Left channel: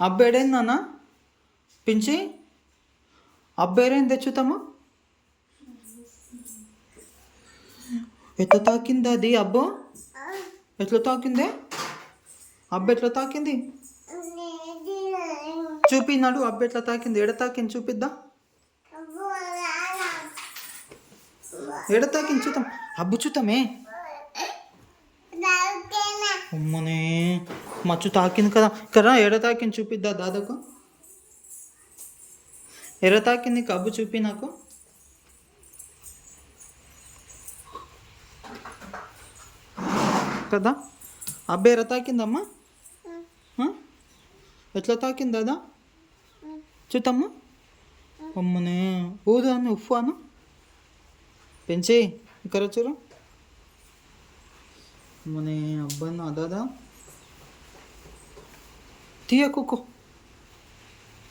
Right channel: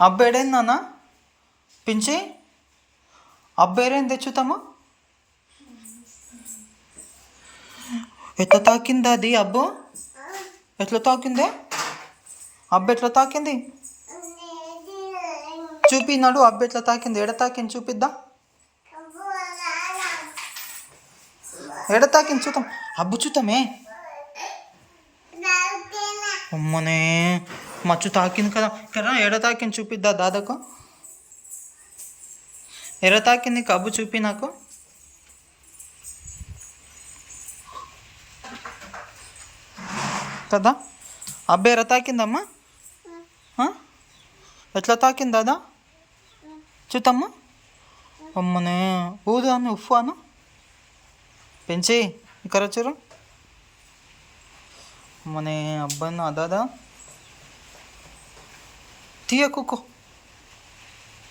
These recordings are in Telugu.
అబ్బేడేంది నాన్న పించి? అబ్బేరేం తెచ్చుతాము? ఎట్లా తాకింది అది అబ్బు? ఎట్లా తాకిందే? అబ్బ ఎట్లా తాకింది? చూపినాడు అబ్బ ఎట్లా తాకింది? ఎడ తాకింది? చూపిద్దాం? ఎడ తాకింది? చూద్దాం. అబ్బు చూద్దామే. అమ్మనే. మచ్చు తాకింది కదా. కదా ఎడ తాకింది చూపిద్దా దాదాకు? ఎడ తాకింది కబ్బు చూపి నాకు. కదా? అబ్బాయి ఎర తాకిందమ్మా? ఎట్లా తాకింది దాదా? చూద్దామ్మా అమ్మనే ఊదు అని ఉఫ్ అను పెంచి ఇక్కడ వచ్చారు అమ్మనే అబ్బాయి దాదా. తీయ కుక్కో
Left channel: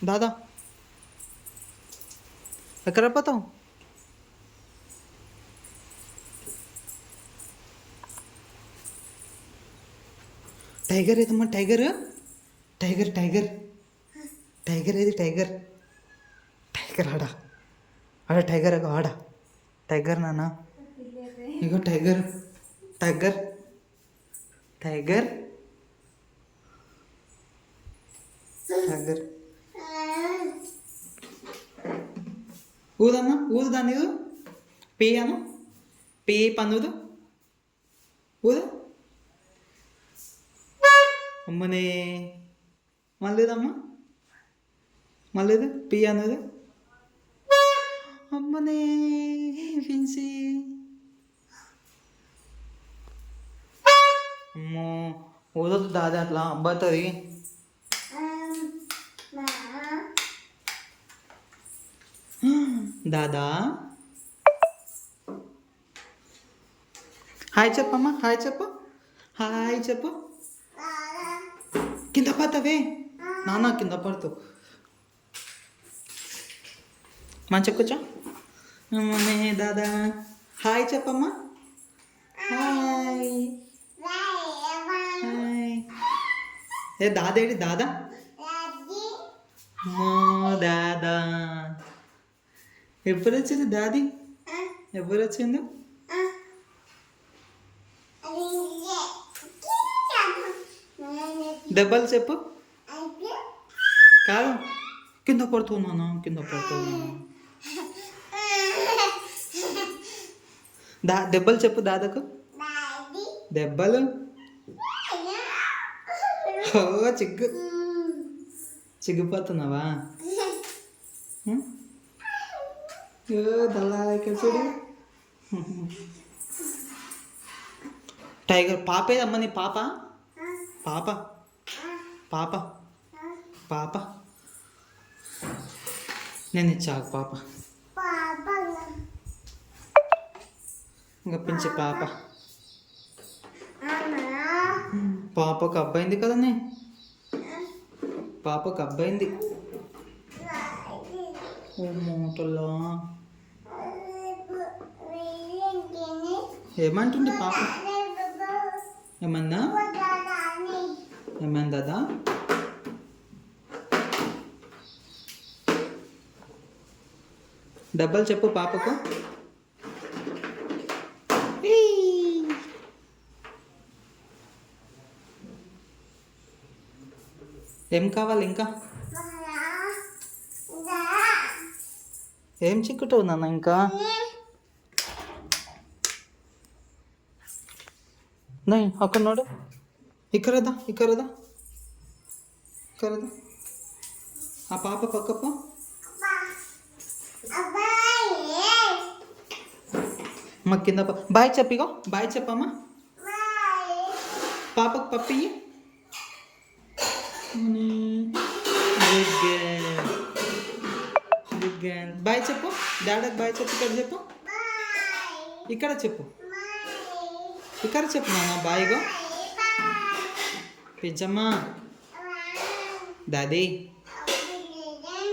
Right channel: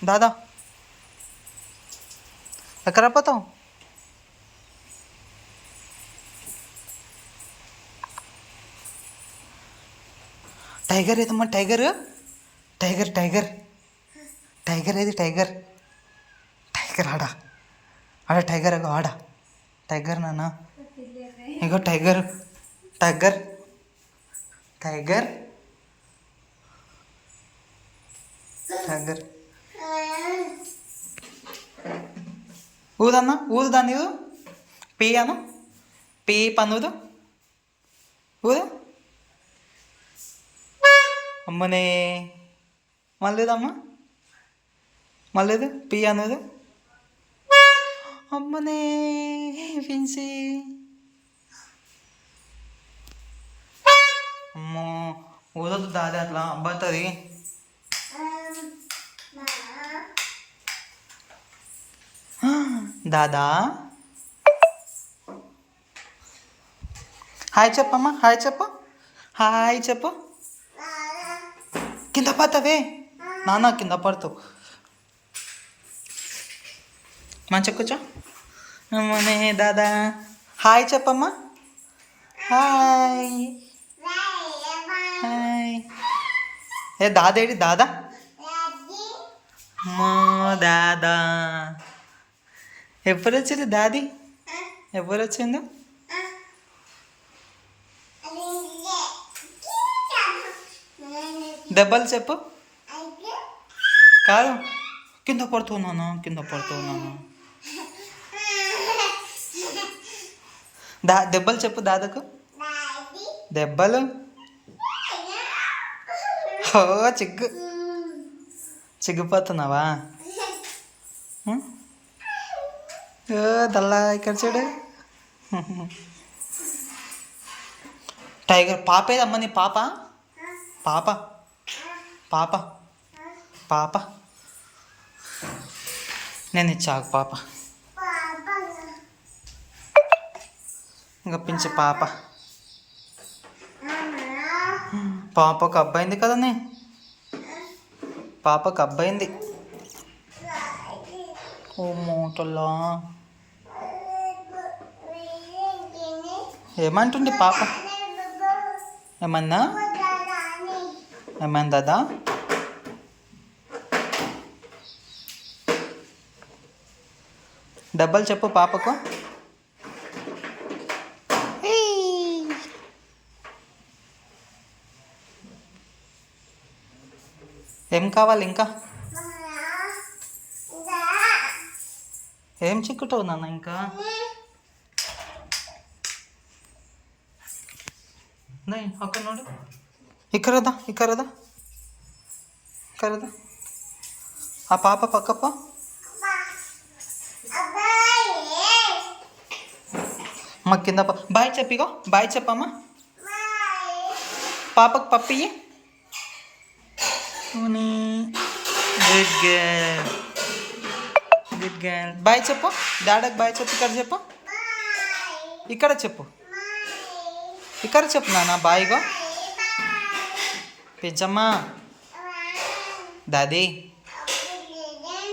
దాదా ఎక్కడ పోతావు టైగర్ ఏదమ్మా టైగర్ టైగర్ టైగర్ టైగర్ ఏది టైగర్ టైగర్ ఆడ ఆడ టైగర్ అగో ఆడ టైగర్ నాన్న ఇగో టైగర్ టైగర్ టైగర్ టైగర్ ఊదన్నా ఊదు దాన్ని ఊదు అన్న అను పీ పన్నుదు ఊదు అమ్మనే మళ్ళీదమ్మా మళ్ళీదు పీ అన్నది అమ్మనే పిన్సి అమ్మో ఊదొద్దు దాది అట్లా అబ్బాతుంది దాదా. హాయ్ చెప్పమ్మా హాయ్ చెప్పు. హాయ్ చెప్పు. కింద పడతావే? నాన్న కింద పడతావు. మంచిగా కూర్చో. అమ్మనే దాదా. హాయ్ చెప్పమ్మా. హాయ్. హాయ్. ఏ దాదేడి దాదా? మా దాదా. ఎప్పుడు వచ్చింది దాది ఎప్పుడు వచ్చింది దెబ్బలు చెప్పు. కాదు. కింద పడుతున్నాను కింద పడుతున్నాను దా దెబ్బలు చెప్పు దాదాకు. దెబ్బలు? ఓ చిగ్గు. చిగ్గుపోతున్నావా? దల్లా ఇక్కడ చూడు. టైగర్ పాప ఏదమ్మ నీ పాప? పాప. పాప. పాప. నేను ఇచ్చాకు పాప. ఇంకా పించి పాప. పాపకు అబ్బాయింది కదనే పాపకు అబ్బాయింది. ఓ మూటలా ఏమంటుంది పాప? ఏమన్నా? ఏమైంది దాదా? డబ్బలు చెప్పు పాపకు. ఏం కావాలి ఇంకా? ఏం చిక్కుటో నాన్న ఇంకా? నై అక్కడ నోడు ఇక్కరదా ఇక్కరదా ఇక్కరదా ఆ పాప పక్కప్ప మా కింద ప- బాయ్ చెప్పిగో బాయ్ చెప్పమ్మా పాపకు పప్పి good girl good girl bye చెప్పు డాడీకి బాయ్ చెప్పు ఇక్కడ చెప్పు ఇక్కడ చెప్పు ఇక్కడ చెప్పు నాన్న బాయిగో పెంచమ్మా దాది.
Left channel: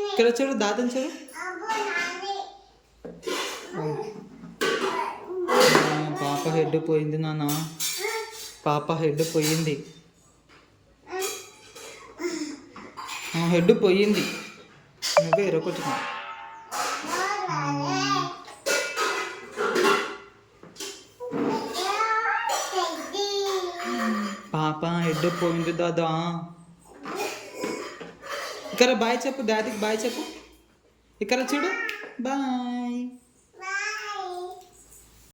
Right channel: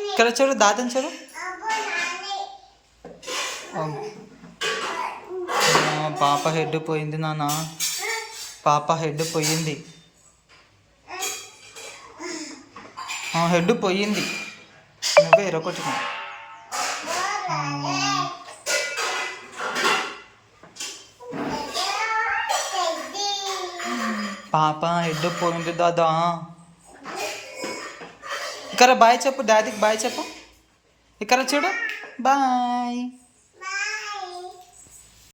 ఇక్కడ చూడు దాదని చూడు. పాప హెడ్ పోయింది నాన్న. పాప హెడ్ పోయింది. హెడ్ పోయింది. నువ్వే ఒకటి పాప ఎడ్డు పోయింది దాదా. ఇక్కడ బాయ్ చెప్పు డాడీకి బాయ్ చెప్పు. ఇక్కడ చూడు బాయ్.